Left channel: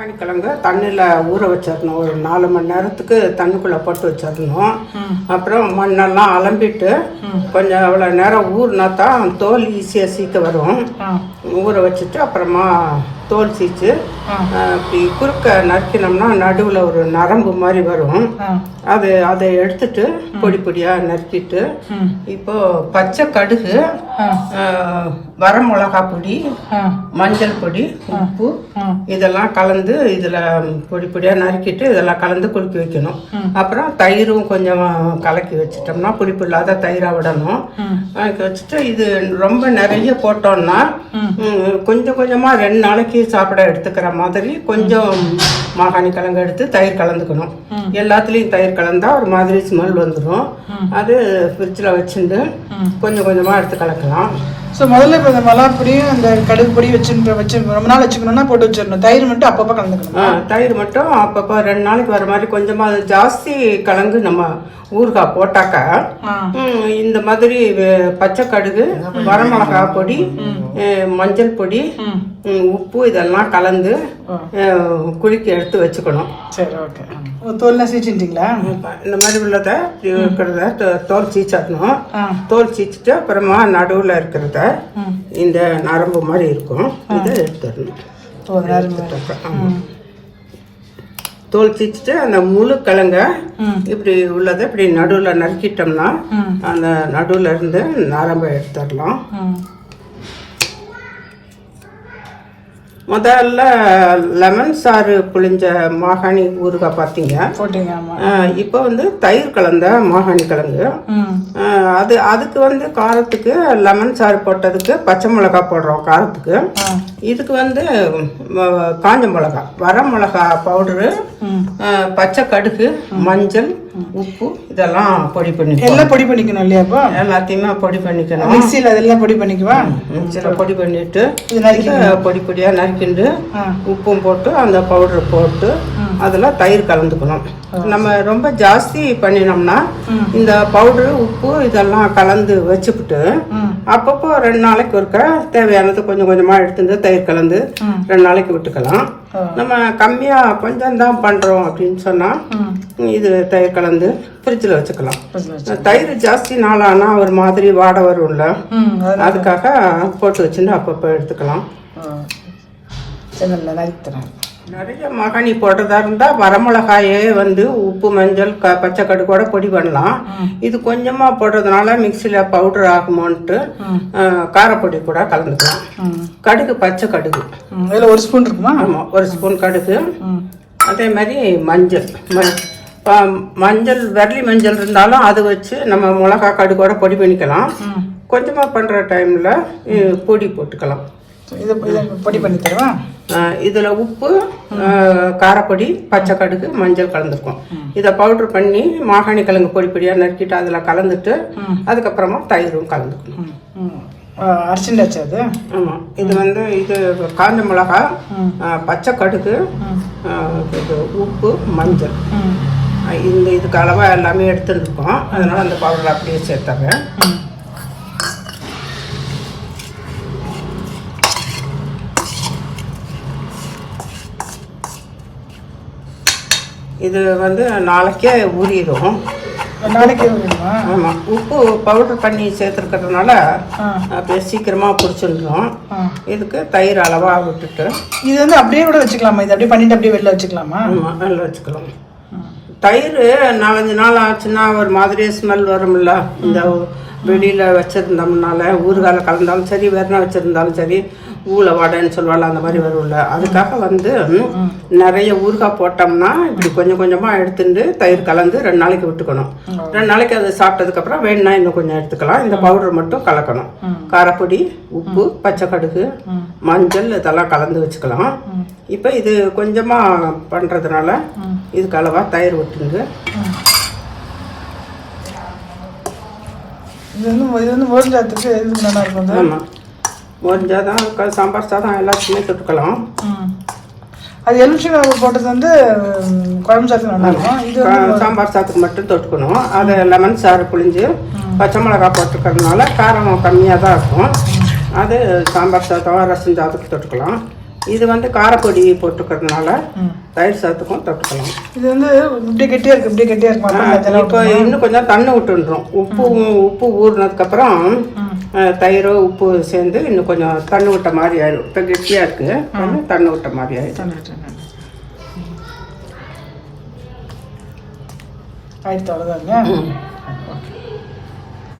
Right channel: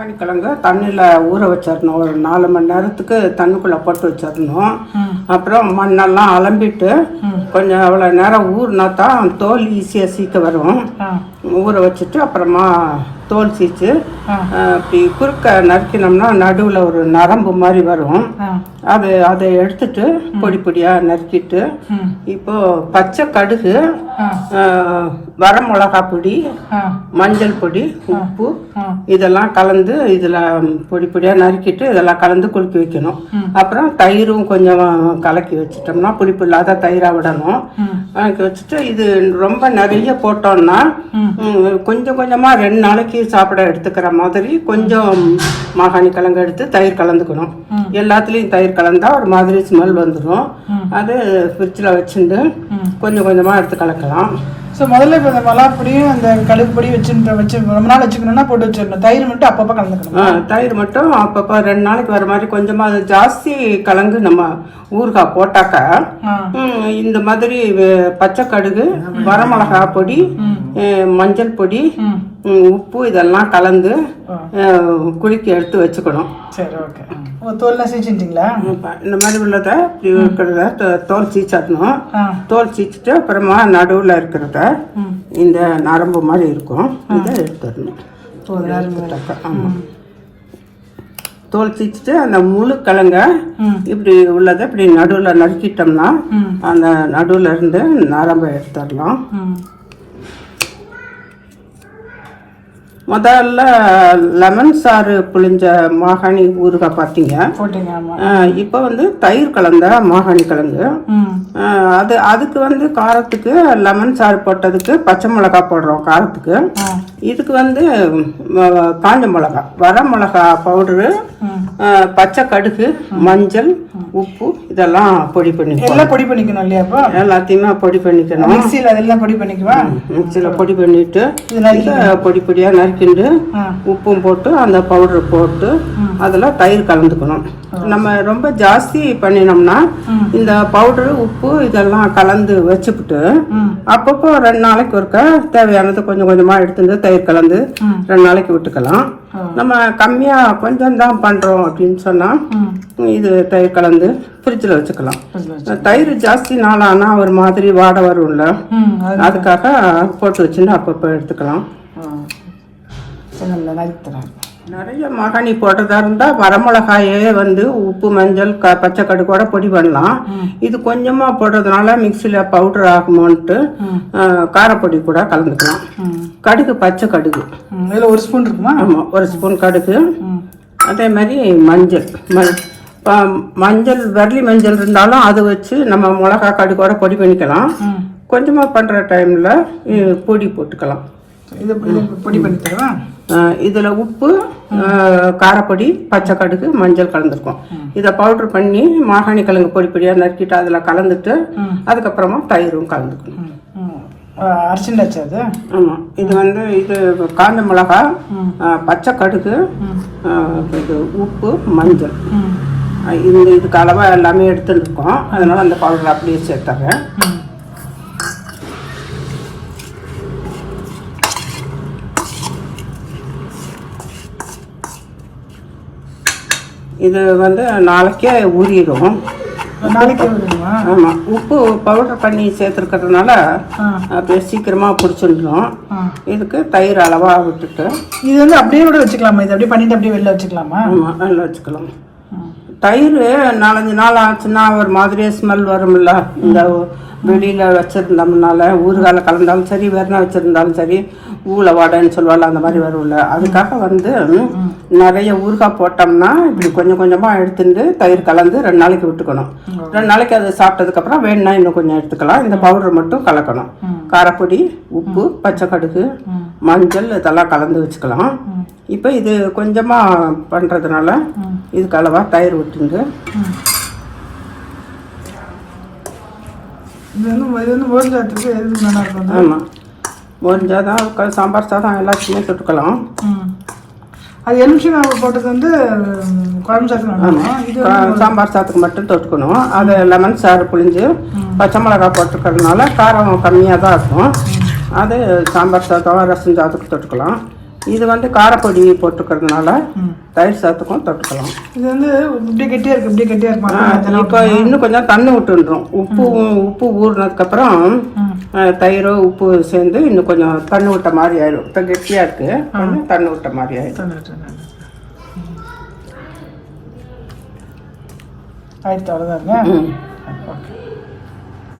கிழங்கு தண்ணியில் ஊற வச்சிடணும் ஒரு நாலு மணி நேரத்துக்கு தண்ணிக்குள்ளே போட்டு வச்சிடணும் அப்புறம் மண்ணெல்லாம் அலம்பிட்டு கொஞ்சம் அவ்வளோ நேரம் ஊறினா தான் தோல் ஈஸியாக சீக்க வரும். ஊற வச்சுட்டு அப்புறமா தோல் சீச்சு இப்படி குறுக்க நறுக்கினோம்னா நடுவில் ஒரு நரம்பு மாதிரி வரும். அது அதை எடுத்துட்டு பொடி பொடியாக நறுக்கிட்டு இப்போ பச்சை கடுகு அஹ், வரமிளகா பொடி மஞ்சள் பொடி உப்பு இதெல்லாம் கலந்து இதில் பொடி பொடியாக நறுக்கிட்டு இதெல்லாம் கலந்து குலுக்கி வைக்கணும். அப்புறம் தயிரும் கொஞ்சம் கலக்கி வச்சிட்டோம்னா புளிப்பு இல்லாத தயிராக விடணும். கலக்கி வச்சுட்டு இது ரொம்ப நிறைய போட்டோம்னா கொஞ்சம் கொஞ்சமாக ரெண்டு நாளைக்கு சாப்பிட எடுத்துக்கிற மாதிரி கொஞ்சம் மாகாணி கிழங்கு எடுத்து தயிர் கலந்துக்கணும். எல்லாத்துலேயும் தயிர் கலந்தா ஒரு மாதிரி ஸ்மெல் வந்துடும் அது ஃப்ரிட்ஜில் வச்சுட்டு கொஞ்சம் கொஞ்சமாக எடுத்து கலக்கலாம். ஸோ முதல்ல இப்போ இந்த மலாப்பொடியும் அந்த கடுகு பொடி வச்சுட்டு வச்சு ரொம்ப நாள் வச்சுக்கணும்னா போட்டு வச்சிடணும். தயிர் மட்டும் அப்பப்போ கலந்துக்கணும்? தயிர் மட்டும் அப்பப்போ ரெண்டு நாளைக்கு வர மாதிரி கொஞ்சமா ஜாஸ்தி கலந்து நம்ம ஊறுகாய் போட்டாக்கா இந்த மாதிரி பச்சை கடுகு வரமிளகா பொடி மஞ்சள் பொடி உப்பு இதெல்லாம் கலந்து குலுக்கி எடுத்து வச்சுக்கணும். சரி ஓகே. தோல்லாம் சீச்சிட்டிங்களா? இந்த மாதிரி உள்ளத இருக்கிறத தோல் சீச்சிடணும் ஆ. தோல் சீச்சிட்டு அப்புறமா நடுவில் இருக்கிறத இந்த நரம்பு மாதிரி இருக்கும். இதை எடுத்துடணும். தோல் சீச்சிட்டு அந்த முழு கிழங்க இப்படி உள்ளதை இப்படி நடுவில் நறுக்கிட்டோம்னா அந்த நடுவில் இருந்து நரம்பை எடுத்துடலாம். முதல்ல லெமன் சாறு புளிஞ்ச மாகாணி ஊறுகாய் பார்த்தீங்க இப்போ வந்து தயிர் கலந்த மாகாணி கிழங்கு அது அதுக்கு வந்து காரத்துக்கு லெமன் சாறு போட்டதுக்கு பச்சை மிளகா போடுறோம் காரத்துக்கு. இதுக்கு வந்து காஞ்ச மிளகா வர மிளகா பவுடரு பச்சை கடுகு மஞ்சள் உப்பு இதெல்லாம் பொடி பண்ணி எல்லாம் பொடி பண்ணிக்கணும் இல்லையா அப்போ? எல்லாத்தையுமே பொடி பண்ணிக்கணும். மிக்சியில் அதெல்லாம் பொடி பண்ணிக்குவா? மிக்சியில் பொடி பண்ணிட்டு பொடி பொடியாக நறுக்கிண்டு உப்பும் போட்டு அந்த பவுடர் போட்டு. அதில் தயிர் கலந்துக்கணும். நம்ம ரொம்ப ஜாஸ்தி பண்ணினோம்னா. இந்த பவுடர் உப்பு இதெல்லாம் கலந்து வச்சுப்புட்டு ம் அப்பப்போ ரெண்டு நாளைக்கு ஒருக்க தேவையானது கொஞ்சம் கொஞ்சமாக எடுத்துட்டு தயிர் கலந்து. ரெண்டு நாளைக்கு விட்டுக்கலாம். நம்ம கம்மியாக கொஞ்சம் தான் பண்ணுறோம் அப்படின்னு சொன்னால் இது தயிர் கலந்து ஃப்ரிட்ஜில் வச்சுக்கலாம். தயிர் ஜாஸ்தி நாளானா ஒரு மாதிரி வாடை வரும்ல அதுக்காக போட்டு வச்சுன்னு அப்பப்போ எடுத்துக்கலாம். நல்லா நிறைய மாகாணி போடுறதா இருந்தால் வரமிளகாயே வந்து உப்பு மஞ்சள் க பச்சை கடுக்கோட பொடி பண்ணலாம். இது கொஞ்சமாக போடுறதுனால மிக்சியில் பவுடர் ஆகுமோன்ட்டு காரப்பொடி கூட கலந்துக்கலாம். கடுகு பச்சை கடுகு. இதில் ஒரு ஸ்பூன் இருக்குமா? ஆமாம் ஒரு ஸ்பூன் கடுகு. அதே மாதிரி மஞ்சள். மஞ்சள் வரலி மஞ்சள் இருந்தாலும் அது வச்சு நம்ம மிளகா கடுகோட பொடி பண்ணிக்கலாம். கொஞ்சமாக பண்ணுற டைமில் பொடி போட்டுக்கலாம். இது இதை பொடி பண்ணி தருவா? இதுல உப்பு காரப்பொடி பச்சை கடுகு மஞ்சள் கலந்துருக்கோம் இதை பவுடர் பண்ணி மாகாணி கிழங்கு பொடி பொடியா நறுக்கிட்டு அதுல கலந்துட்டு. அதுக்கப்புறமா தயிரும் கலந்துக்கணும். அரிசிண்டாச்சு அது? இது வந்து இது காஞ்ச மிளகா பச்சை கடுகு இது உப்பு மஞ்சள். இந்த இதுக்கு அளவா எல்லாமே எடுத்துருக்கோம் அதனால அந்த பவுடர் அப்படியே சேர்த்துறேன். இது வந்து நாளைக்கே ஊறிடும் நாளைக்கே வருமா ஆமா. உப்பு பவுடர் பண்ணி சேர்த்துருக்கிறதுனால அப்படியே சீக்கிரமா பிடிச்சிருந்துடும் ஆ. இதுக்கு தயிர் அளவா விட்டுட்டு. இது வந்து அப்படியே கூட வச்சுக்கலாமா? இது அப்படியே பண்ணிட்டு அப்படியே வெளில வச்சுக்கலாமா? ஆமா அதில் வச்சுக்கலாம். ம். தயிர் நாலஞ்சு நாள் ஆச்சுன்னா ஒரு மாதிரியே ஸ்மெல் வரும்ல. இந்த வெளியில வச்சிருந்தோம்னால ஊறுகால கலந்தாலும் சரி வெறும் வச்சிருந்தாலும் சரி ஊழ வடைன்னு சொல்லுவாள் அந்த மாதிரி வரும்ல. அதுக்காக வந்து நிறைய ஊறுகாய் போட்டோம்னா இப்படி கொஞ்சம் கொஞ்சமா எடுத்துட்டு தயிர் கலந்து ரெண்டு நாளைக்கு விட்டுக்கணும். ரெண்டு நாளைக்கு அதை சாப்பிட்டதுக்கு அப்புறம் வேணும்னா இன்னும் கொஞ்சம் எடுத்துக்கலாம். இந்த பவுடர் மட்டும் கலக்கணும். காரப்பொடி உப்பு பச்சை கடுகு மஞ்சள் இதெல்லாம் கலந்து வச்சுக்கலாம். இப்போ இது கொஞ்சமாக பண்ணுறதுனால. இதுக்கு அளவாக தயிர் விட்டுண்டு. இது வந்து இது வந்து மோர் சாதத்துக்கு எதுக்கு நல்லா இருக்கும்? ஆமாம் தான் சாம்பார் சாதம் எல்லாத்தையுமே தொட்டுக்கலாம். அது எலுமிச்சங்காய் போட்டது வந்து குழம்பு சாதத்துக்கு நல்லா இருக்கும். இது சாம்பார் சாதத்துக்கு மட்டும் தொட்டுக்கணும். அது லெமன் சாறு புழிஞ்சு பச்சை மிளகாய் போட்டுக்கிறதுனால காரம் கம்மியாக தான் இருக்கும் அது சாம்பார் சாதம் ரசம் சாதத்துக்கு தொட்டுக்கலாம். இது வந்து காரப்பொடி போட்டுக்கிறதுனால தயிர் சாத்துக்கும் தொட்டுக்கலாம். இது வந்து இப்படியே கெட்டியா இருக்கு இப்படியே கெட்டியா இருக்கு மக்கள் அதெல்லாம் இப்போ இன்னும் கொஞ்சம் தண்ணி விட்டுன்றோம் உப்பு உப்பு ஊறினதுக்கப்புறம் தயிர் உப்பு சேர்ந்து இன்னும் கொஞ்சம் தண்ணி விட்ட மாதிரி ஆயிடும் இப்போ கெட்டியாக இருக்கு. கொஞ்சம் தண்ணி விட்ட மாதிரி ஆயிடும். ஆயிடுத்து அவ்வளோதாங்க. ஓகே.